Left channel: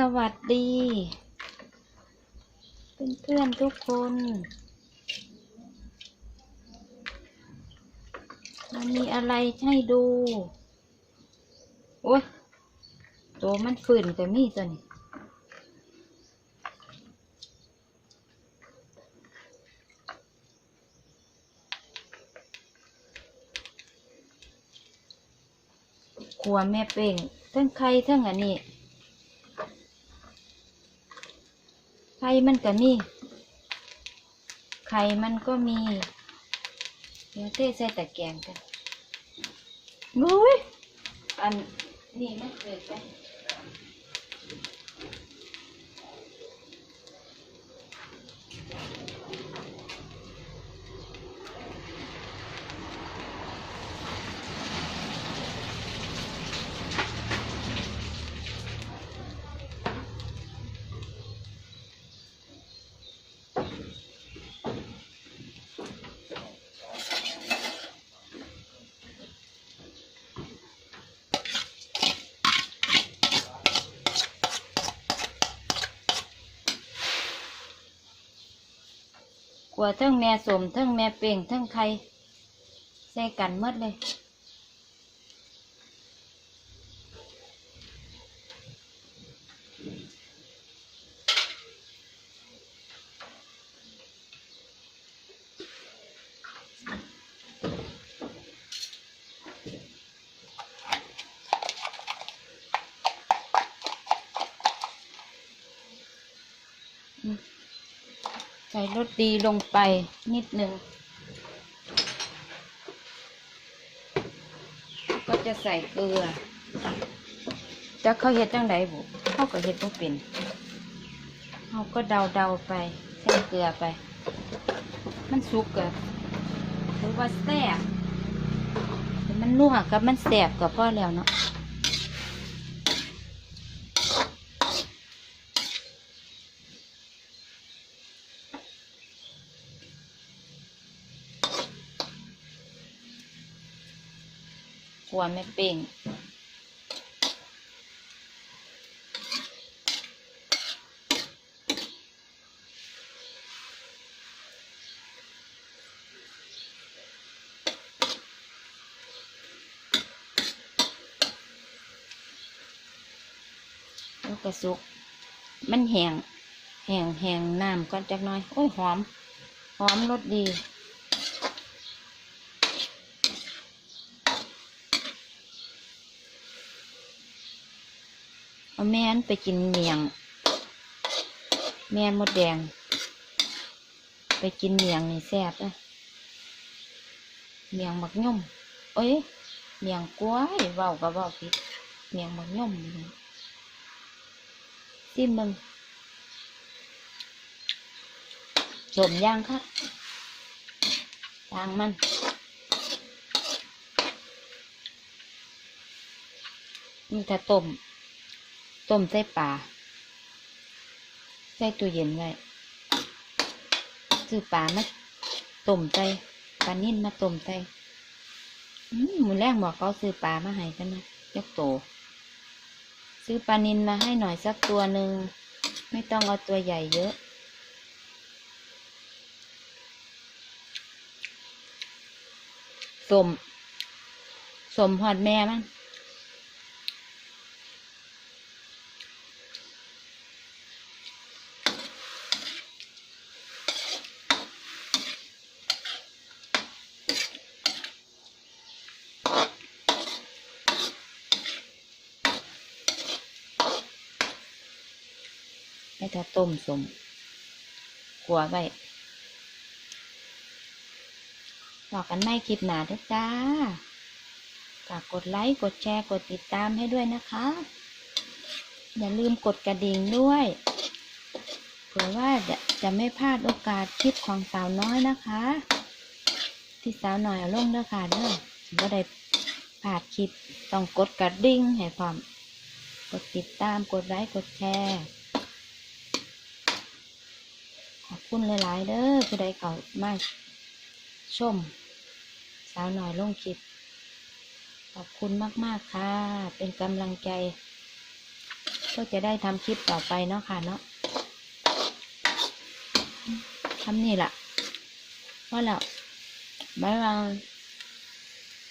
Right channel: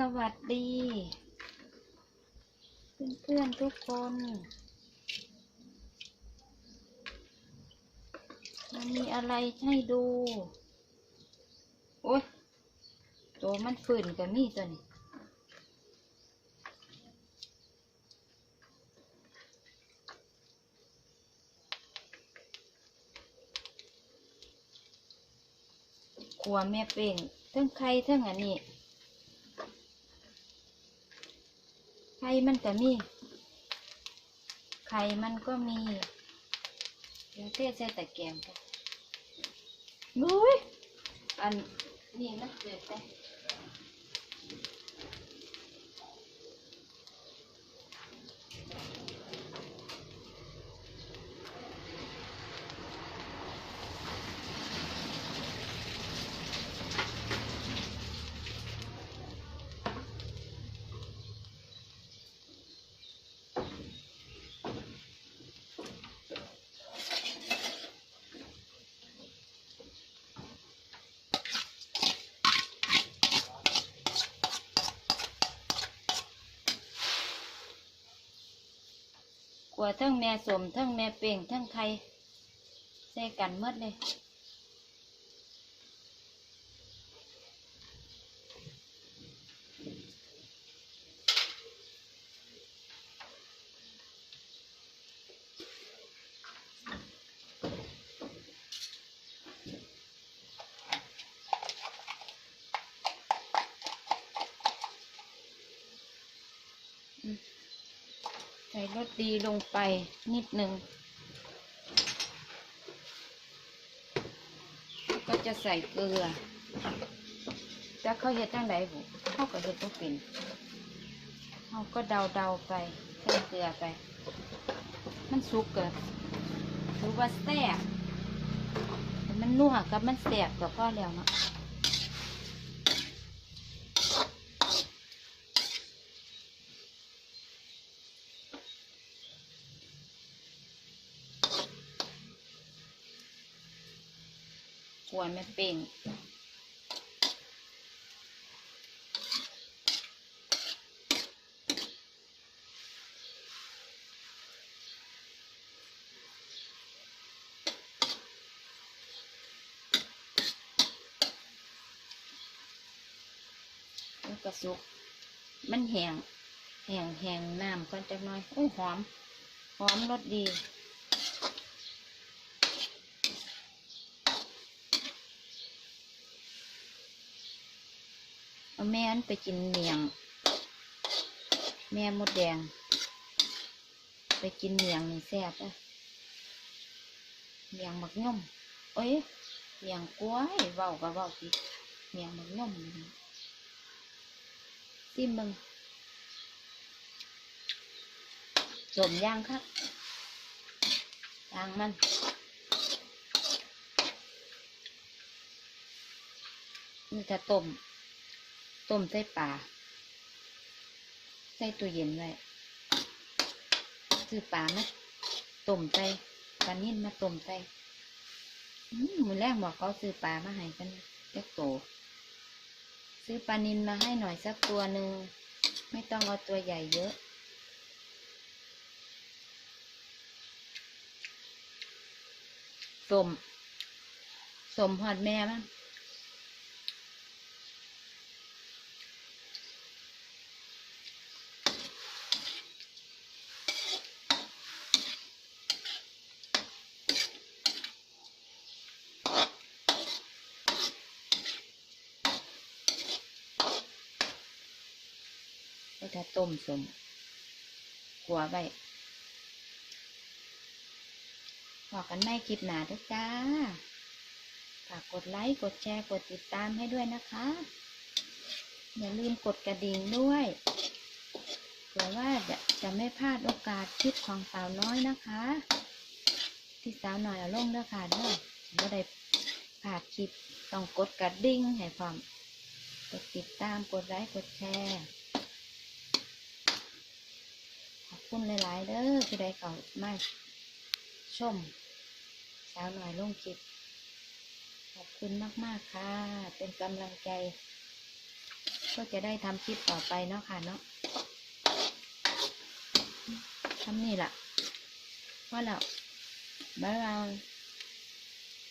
สวัสดี เพื่อนๆทุกคน มันมีอะไรให้ดู โอ้ยตัวมันฝืนก็มีตัวนี้ครัวแม่เป่งทั้งไข่ทั้งอันนี้ ไข่มันก็มี ไข่มันก็มี เดี๋ยวเทใส่ตะแกรงกันนุ้ยอันนี้มันเกิดไป กลัวทั้งแม่สมทั้งแม่เป่งทั้งไข่ใส่กันหมดเลยใส่รสดีลงไปนิดหนึ่ง ก็จะใส่เกลือจะเขาเห็ดจังไดบุเขาก็เห็ดบ่เป็นเขาก็เดาเดาๆไปใส่เกลือไป มันสุกกับหรือว่าแซ่บมันนัวกับมันแสบกับพ่อแล้วเนาะ หัวแม่เป่งแล้วก็สุก มันแหงแหงแหงน้ำก่อนจักน่อย โอ้ยหอม หอมรสดี เอาแม่นไปกินเมียง แม่มดแดง ไปกินเมียงนี่แซ่บเลยเมียงบักย่มเอ้ยเมียงกล้วยเว้าก็เว้าผิดเมียงบักย่มซิมมึงสมย่างครับทางมันนี่ถ้าต้ม ต้มใส่ปลาใส่ตู้เย็นไว้ซื้อปลามาต้มใส่ปลานิ่นมาต้มใส่อืมหมูแรกบอกเขาซื้อปลามาให้กันนะยกโต ซื้อปลานินมาให้หน่อยสักตัวหนึ่ง ไม่ต้องเอาตัวใหญ่เยอะ สม สมหอดแม่มั้ง ให้ถ้าต้มสมขัวไว้บอกกันไม่คลิปหนาเด้อจ้าฝากกดไลค์ กดแชร์ กดติดตามให้ด้วยนะคะ อย่าลืมกดกระดิ่งด้วยเผื่อว่าจะจะไม่พลาดโอกาสคลิปของสาวน้อยนะคะ ที่สาวหน่อยเอาลงเด้อค่ะเด้อว่าได้พลาดคลิปต้องกดกระดิ่งให้พร้อม กดติดตาม กดไลค์ กดแชร์ ขอบ คุณหลายๆเด้อผู้ใดเขามาชม สาวหน่อยลงคลิป ขอบคุณมากๆค่ะ เป็นกำลังใจ ก็จะได้ทำคลิปต่อไปเนาะค่ะเนาะทำนี่แหละว่าแล้วบ๊ายบาย